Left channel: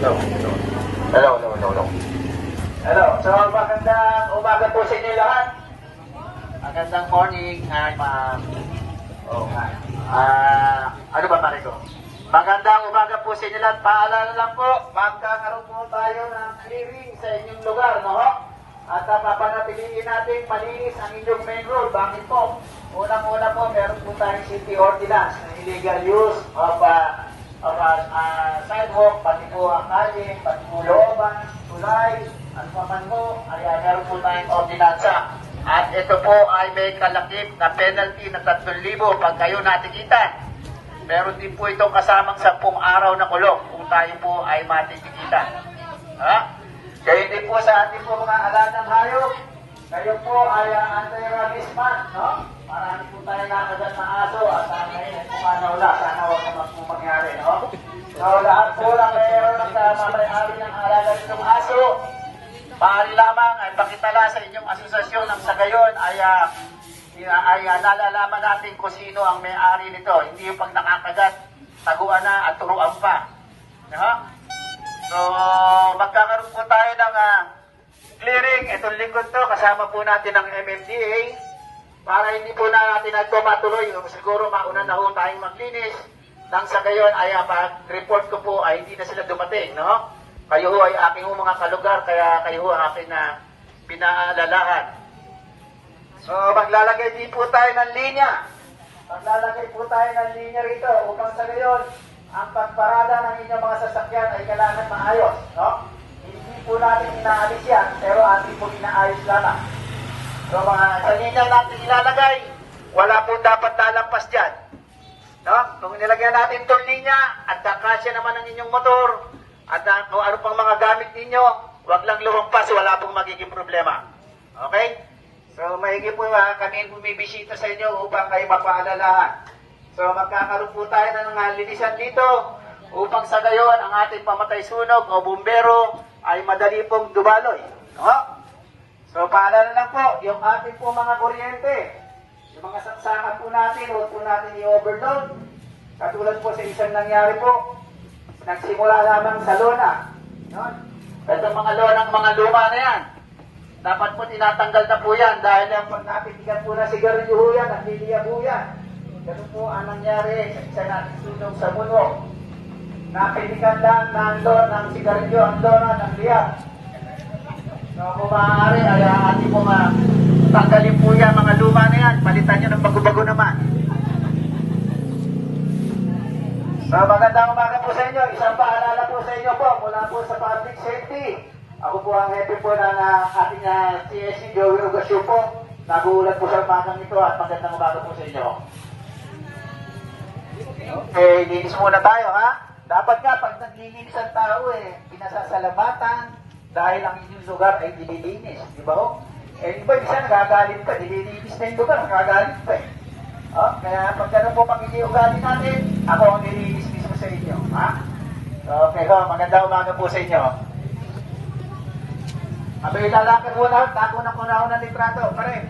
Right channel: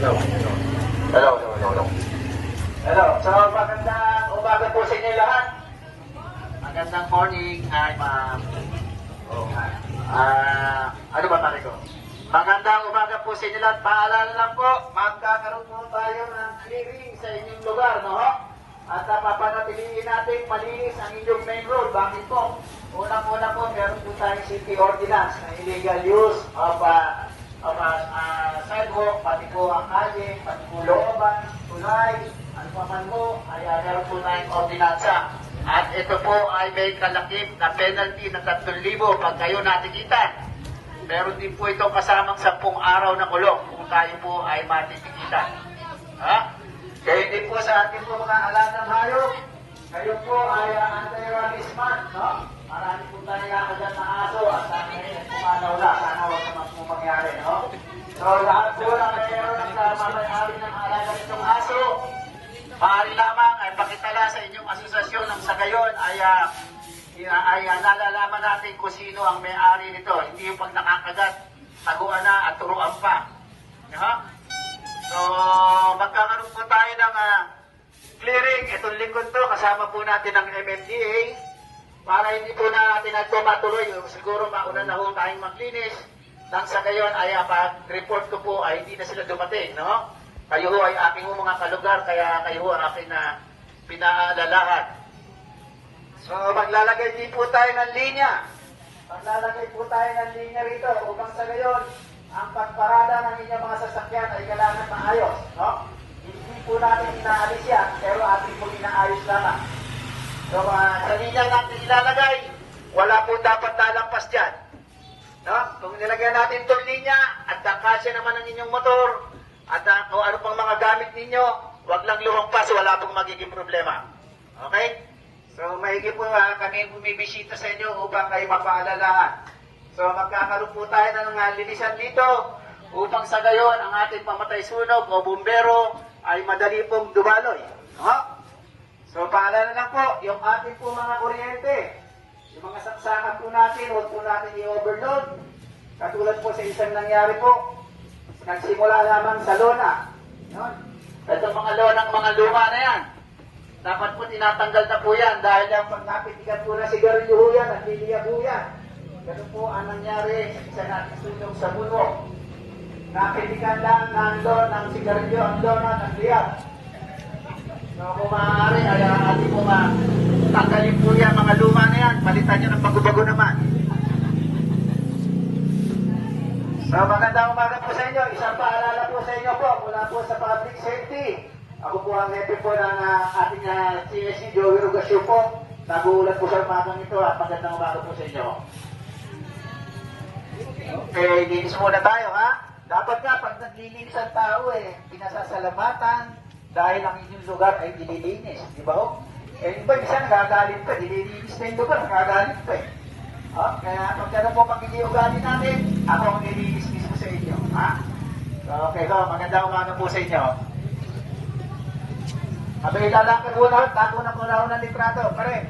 Hello. Hello. So, magandang umaga po sa inyo lahat. Magandang morning. Hi, ma'am. Oh, hi. Ano ba, pare ko? Magandang umaga po sa inyo lahat. Paalala lang po, magkakaroon po tayo ng clearing sa inyong lugar, no? At papanatiliin natin malinis ang inyong main road. Bakit po? Unang-una po, meron po tayong city ordinance na illegal use of sidewalk, pati po ang kalye, pati po looban, tulay, ano pa man po, ay meron po tayong ordinansa. At ito po ay may kalakip na penalty na 3,000 pag kayo natikita. Meron din po itong kasamang 10 araw na kulong kung tayo po ay matikita. Ha? Kayo din po sa ating po mga alagang hayop. Kayo po ay anti-rabies month, no? Marami po tayo nakagat ng aso at sana wala, sana huwag naman po mangyari, no? So lahat po na kayo nagmamayari ng alagang ng aso, maaari lamang ay pakitala sa inyong asosasyon ng sa gayon ay nalalaman natin kung sino ang may-ari nito. Hindi yung pag nakakagat, taguan na at turuan pa. No? So, magkakaroon po tayo ng clearing. Itong lingkod to, kasama po natin ang MMDA para hindi po na natin ito matuloy. Siguro mauna na ho tayong maglinis. Nang sa gayon ay pag-report ko po ay hindi na sila dumating. No? Kayo ho ay aking mga kalugar, kaya kayo ho ang aking na pinaalalahan. So, maglalagay din po tayo ng linya. Maglalagay po tayo ng linya rito upang sa gayon, ang pagparada ng inyong mga sasakyan ay kailangan maayos. No? Hindi po natin inaalis yan, pero ating po inaayos lamang. So, mga linya natin ilalagay, wala po dapat lalampas dyan. No? Kung nilagyan natin itong linya, at kasya naman ang inyong motor, at kung ano pang mga gamit ninyo, wag lang lumampas, wala pong magiging problema. Okay? So, mahigi po kami bumibisita sa inyo upang kayo mapaalalahan. So, magkakaroon po tayo ng linisan dito upang sa gayon ang ating pamatay sunog o bumbero ay madali pong dumaloy. No? So, paalala lang po, yung ating po mga kuryente, yung mga saksakan po natin, huwag po natin i-overload. Katulad po sa isang nangyari po, nagsimula lamang sa lona. No? Itong mga lonang mga luma na yan, dapat po tinatanggal na po yan dahil yung pag napigilan po na sigarilyo ho yan at liliya po yan. Ganun po ang nangyari sa isa natin sunog sa muno. Napilikan lang ng sigarilyo ang lona ng liyak. So kung maaari, ay ating po tanggalin po yan mga luma na yan. Palitan nyo ng bago-bago naman. So magandang umaga po sa inyo. Isang paalala po sa inyo po mula po sa public safety. Ako po ang hepe po ng ating CSC, Joey Rogasio po. Nagulat po sa umagang ito at magandang umaga po sa inyo. Okay, linis muna tayo ha. Dapat nga pag naglilinis ang tao pinasasalamatan dahil ang inyong lugar ay nililinis. Di ba ho? Iba isang gagaling pa, nililinis na yung lugar, gagaling pa kaya pag gano'n po pag-iugali natin, ako ang nililinis mismo sa inyo. Ha? Okay ho, magandang umaga po sa inyo. Abay, lalakad muna, tako na muna ng litrato, pare.